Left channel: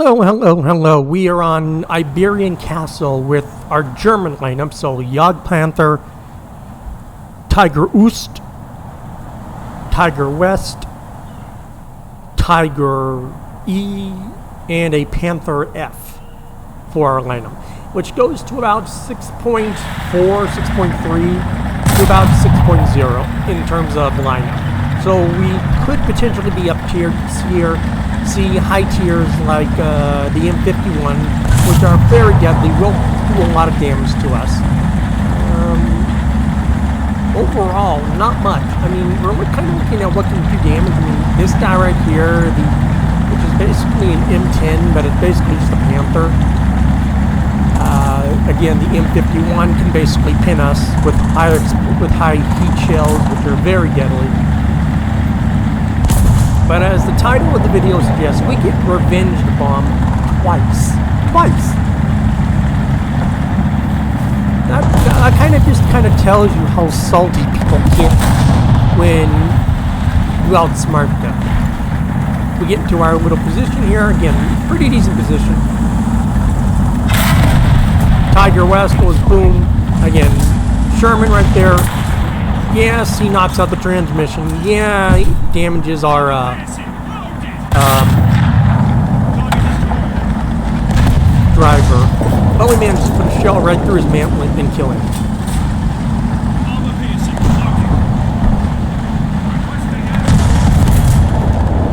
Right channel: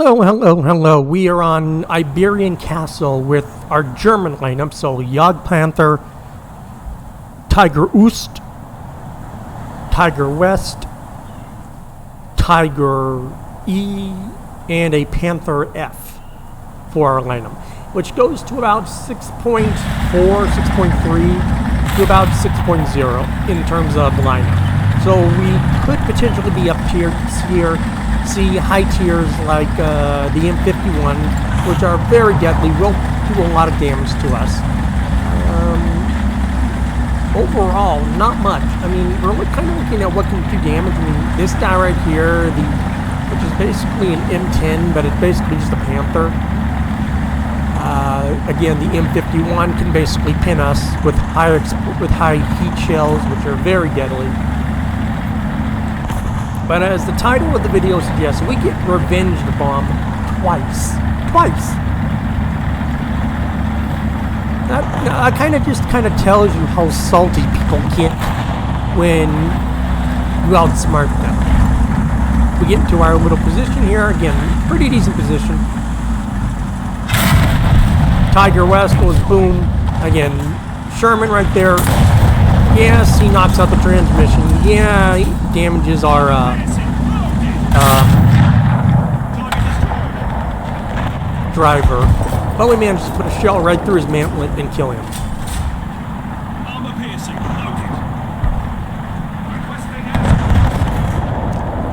Hello, hello, hello. We are on Iberian Castle with our German lineup. So Jagdpanther, Tiger Oost, Tiger West, Tiger E, and a Panther F for our lineup, which goes to about 6.4, 6.3 to about 6.0 in terms of lineup. So we could potentially be up here, see high tiers like the M51, which are very deadly, will do a lot of damage to us. Overall, not much. I mean, we're kind of looking at what can do damage. I mean, this guy right here, which is basically an M10, but it's basically just a Panther. Again, the M51 can basically pin us with high heat shells, which are very deadly. But as the title of the video suggests, we get Revenge Bomb twice. That kind of tells you how salty people get when you outsmart them. We get into our little position here. Again, pretty decent position. Tiger West goes boom. Again, Sherman right there. Yes, he knocks out the transmission. Yeah, he damages our driver. But we managed to put a shell right through his mantlet and kill him.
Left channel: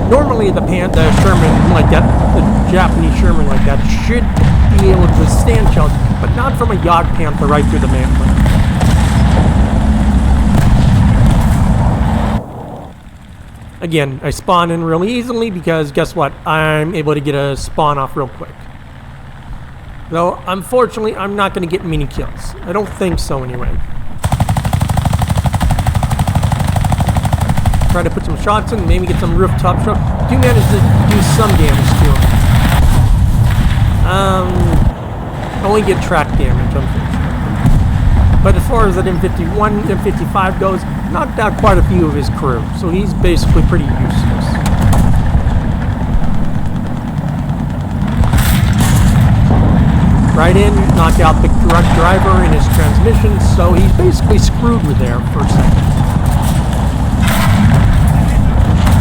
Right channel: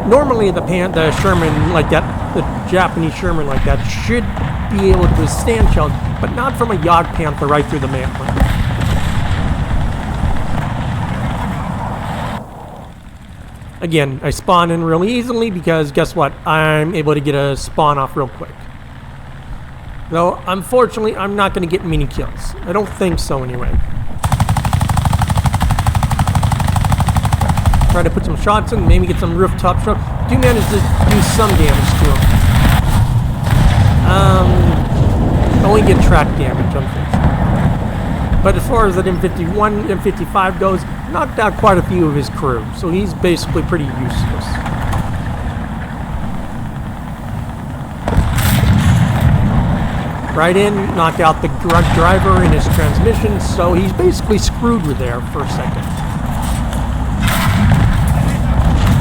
Normally the Sherman like that, the Japanese Sherman like that, should be able to withstand shells, but not from a Jagdpanther right through the mantlet. Again, I spawn in really easily because guess what? I'm able to get a spawn off real quick. Though, unfortunately, I'm not going to get many kills. I don't think so anyway. Try to put some shots in, maybe get some rooftop shots. Do manage to do some damage to him. Only get track damage, unfortunately. But as far as that M51, M55 goes, knocked out quite a few of his crew, so he's basically pretty useless. Right in, knock out the drug driver in his transmission, so he's basically screwed with there for a second.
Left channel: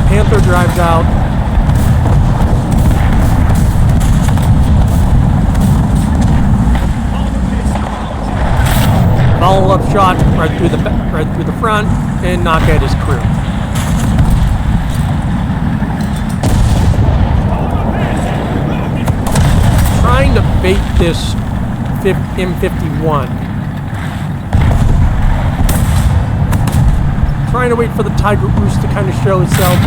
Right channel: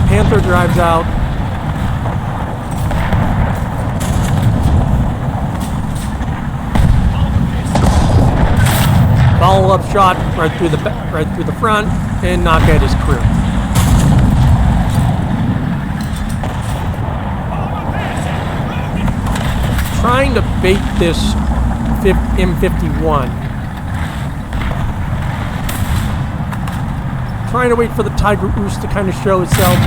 Panther drives out. Follow-up shot right through the front and knock out his crew. Trying to bait this M51. Trying to wait for the Tiger Oost to kind of show itself.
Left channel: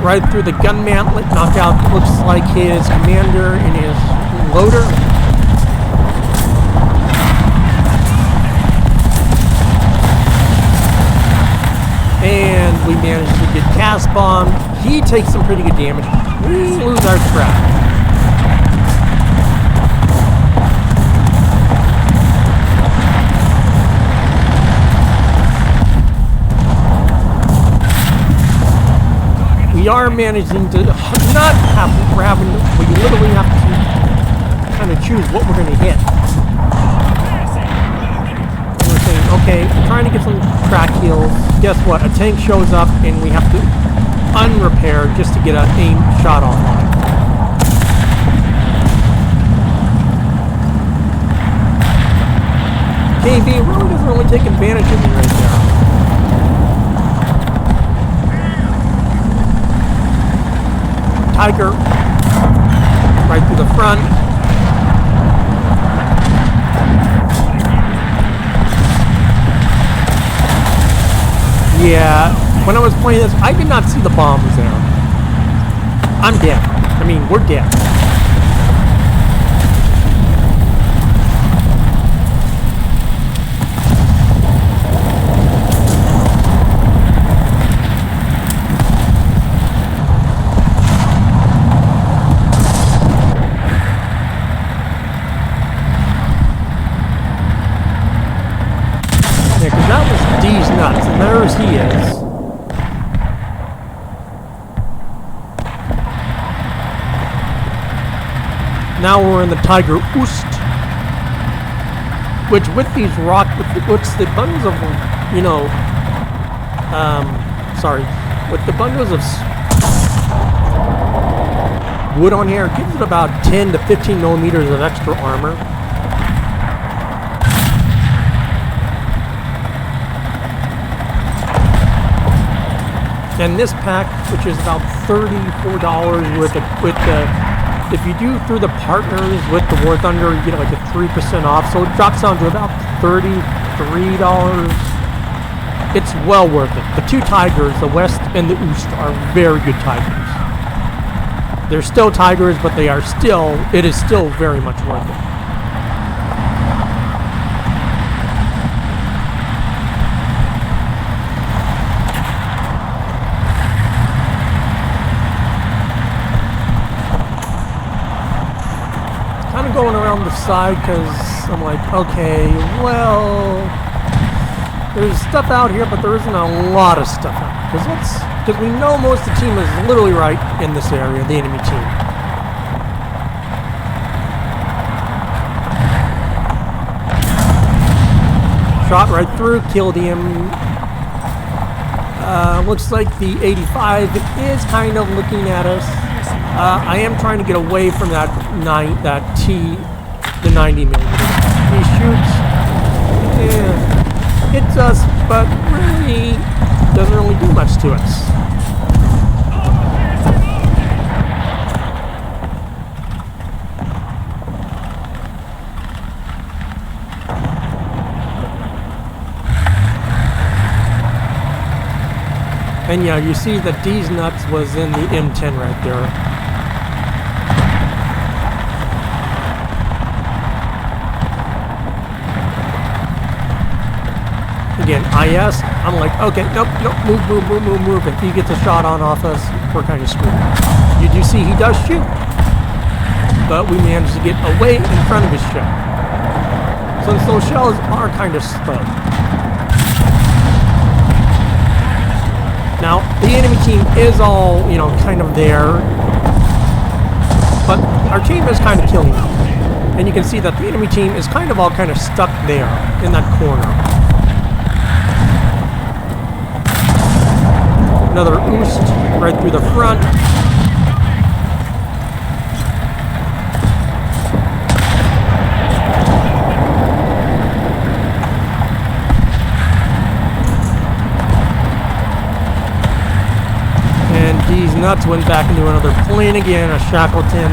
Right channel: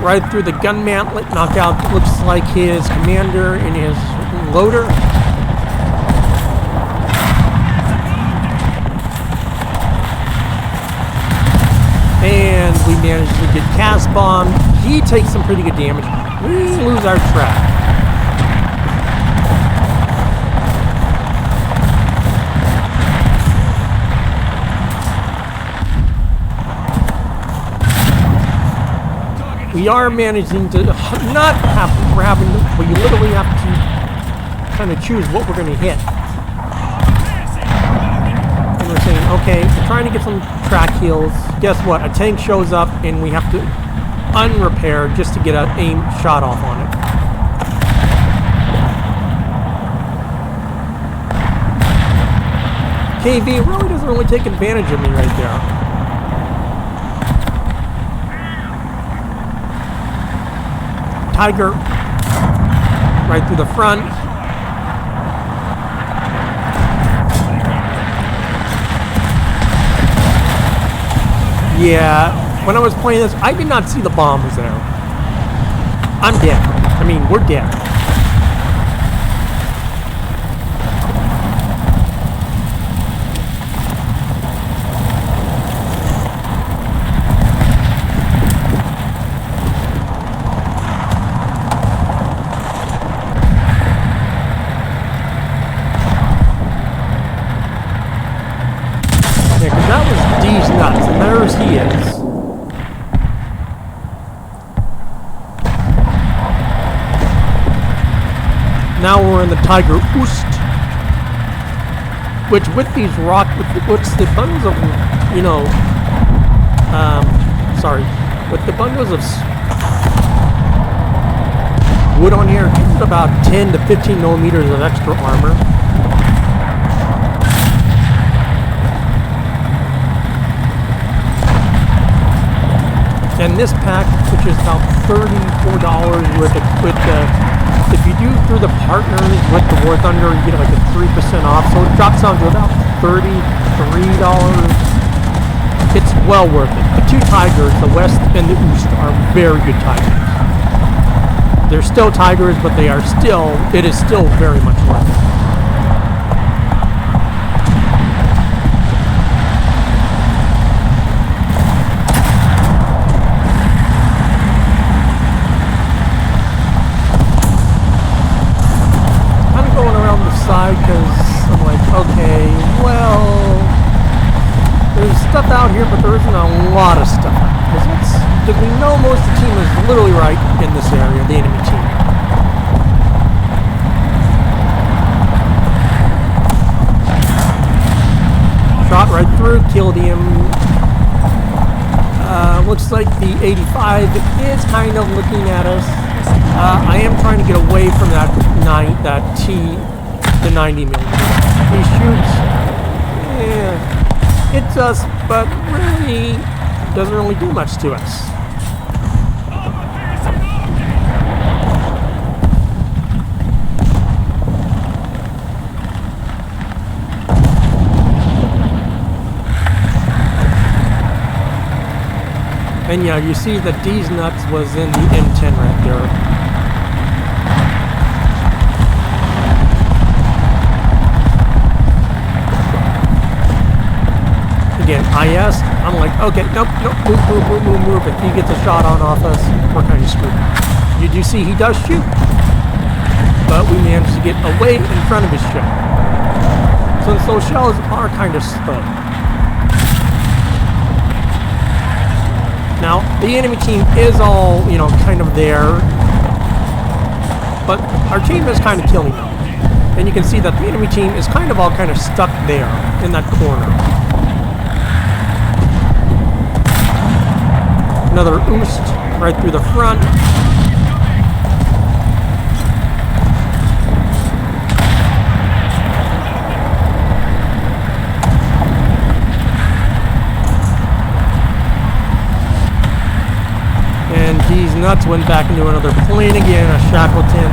Right through the gun mantlet, knock out looks like his commander and his loader. And we managed to get cast bombed. He takes some pretty good damage. We lose our track. We are managing to not have, but you literally have to kind of choose what we're going to hit. And we're saying, okay, we're trying to get some track heals. Guess what? A tank shows up and we have to unrepair just to get an aim shot off on it. KV really doesn't really take advantage of me right there. Tiger right through the front. Yeah, when I was playing this, I did not see the bomb was there. I'm dead. I mean, we're dead. Yeah, because that was D's nuts, and there's he is. Now we're in the Tiger Oost, which with these the bundles of, you know, with the bundles of wood on here, it gives it about 10 to 15 millimeters of extra armor. And this pack, which is about $34 if you do through the partners with the War Thunder, you get like a 3% off, so it drops down to about $33. It's well worth it. The two Tigers, the West and the Oost, are very good Tigers. They're still Tigers, but it is still very much worth it. Kind of going around the side because I'm like, okay, well, there's stuff out here, but there isn't a lot of stuff out. Because we know most of the team is literally right in this area, the enemy team. Shot right through, killed him. Looks like the 85 is kind of looking at us. I am trying to get away from the 90 millimeter. He shoots. Yeah, hits us, but really doesn't really do much to us. And yeah, you see that D's nuts was in the M10 right there. Again, IS, I'm like, okay, nope, move. If he gets a shot off us, we're kind of screwed. You do see he does shoot, but we managed to get away in front of his shell. Since those shells are kind of slow. Now, the enemy team is all, you know, kind of there, but our team is kind of killing them. And you can see that the enemy team is kind of all kind of stuck there in that corner. Another Oost right through the front. And D's nuts went back into another plane again, a Shackleton.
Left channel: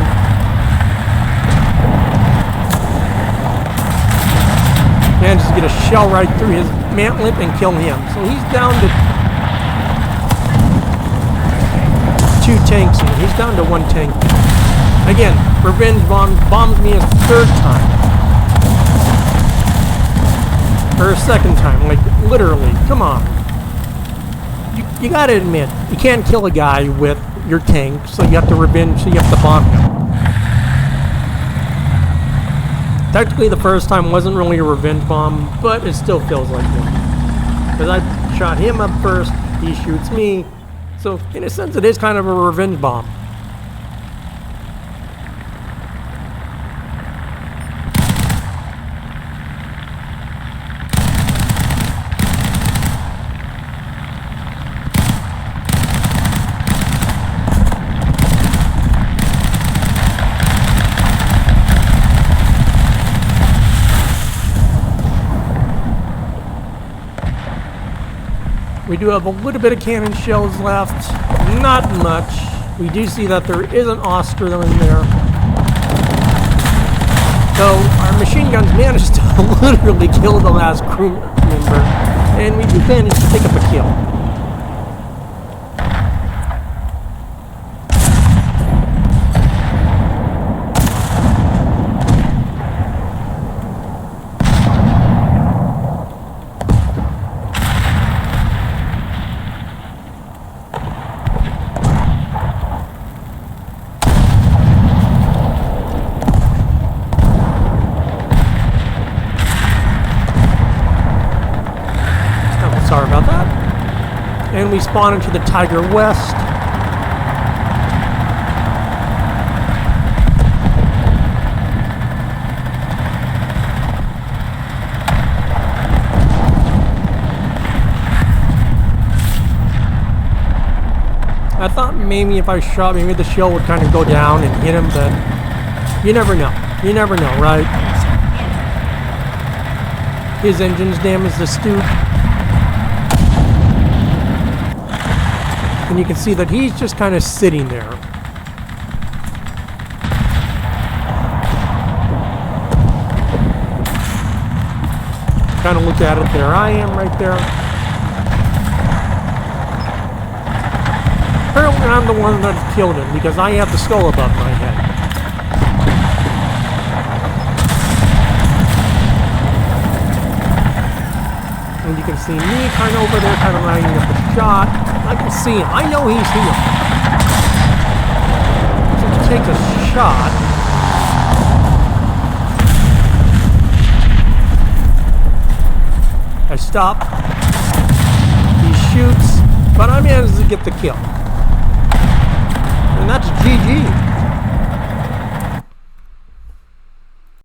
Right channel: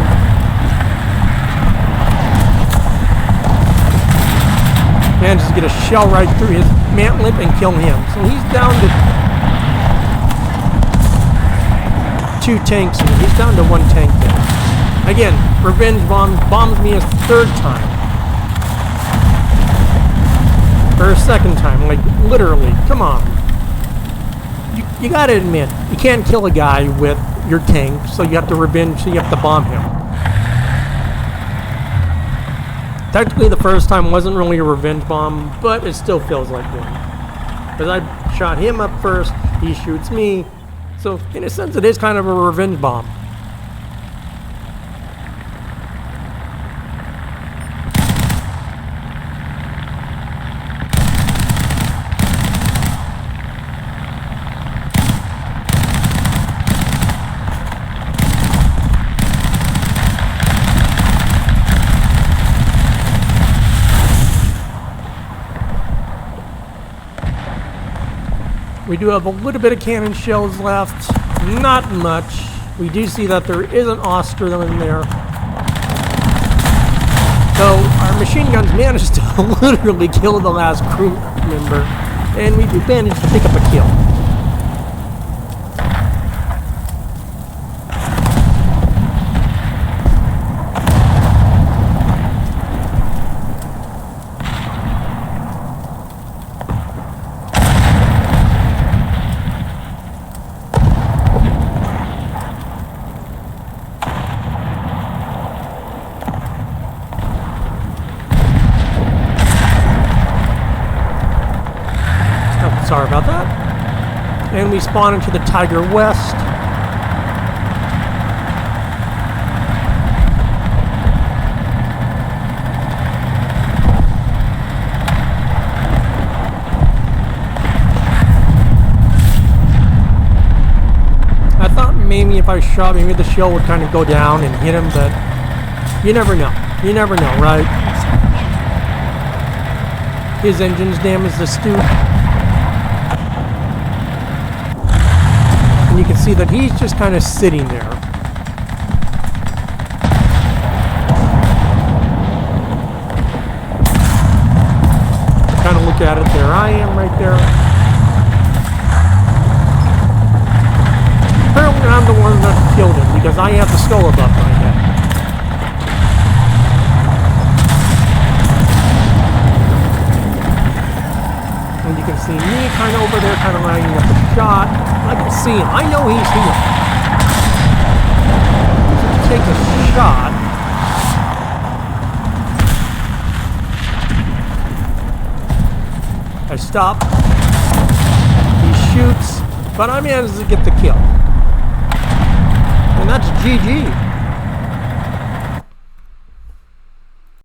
Managed to get a shell right through his mantlet and kill him. So he's down to 2 tanks, and he's down to 1 tank now. Again, Revenge bombs me a 3rd time. Or a 2nd time, like literally, come on. You gotta admit, you can't kill a guy with your tank, so you have to bomb him. Technically the first time wasn't really a revenge bomb, but it still feels like one. Because I shot him up first, he shoots me, so in a sense it is kind of a revenge bomb. We do have a little bit of cannon shells left, not much. We do see that there is an Oscar in there. So our machine guns managed to literally kill the last crew member, and we do manage to pick up a kill. Sorry about that. And we spawn into the Tiger West. maybe if I shot, maybe the shell would kind of go down and hit him, but you never know. You never know, right? His engine's damaged the Stoop. And you can see that he's just kind of sitting there. Kind of look at it. There I am right there. Apparently I'm the one that killed him because I have the skull above my head. And you can see me kind of over there kind of lining up a shot. I can see him. I know he's here. So he takes a shot. I stop. He shoots, but I managed to get the kill. And that's GG.